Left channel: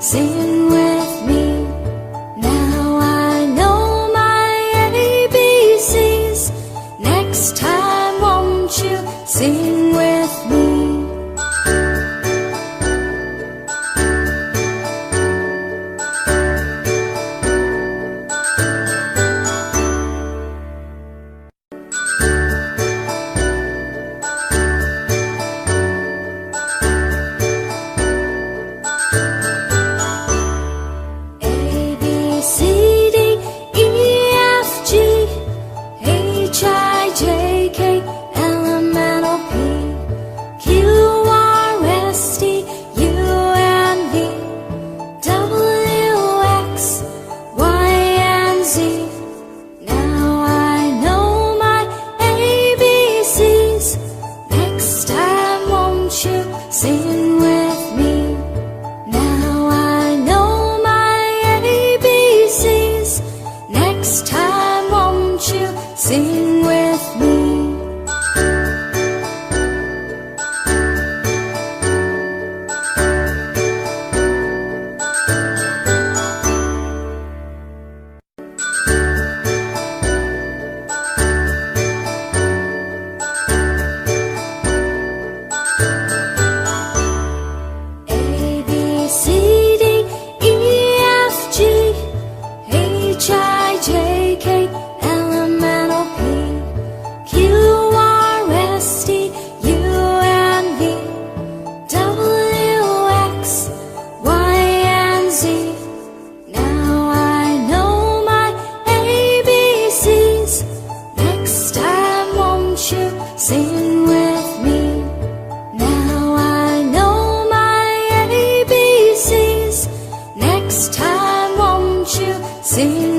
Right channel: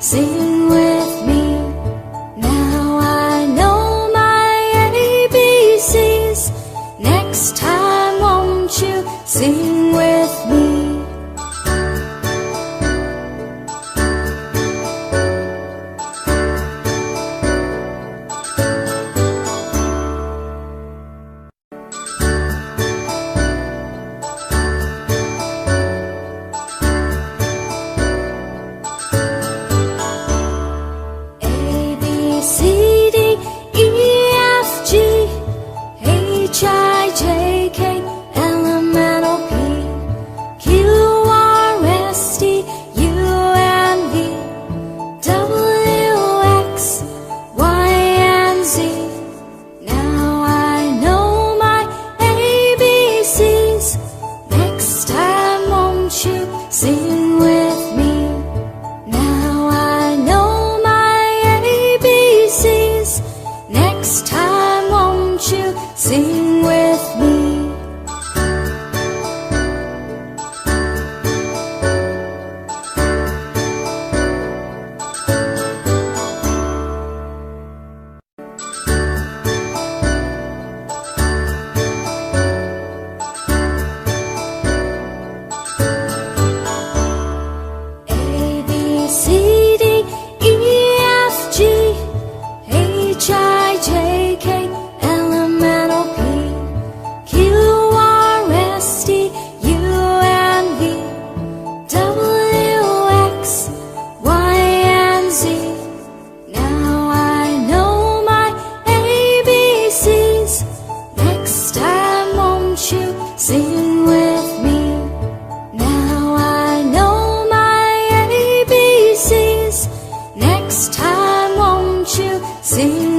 Sing with me. Now I know my ABCs. Next time won't you sing with me? Sing with me. Now I know my ABCs. Next time won't you sing with me? Sing with me. Now I know my ABCs. Next time won't you sing?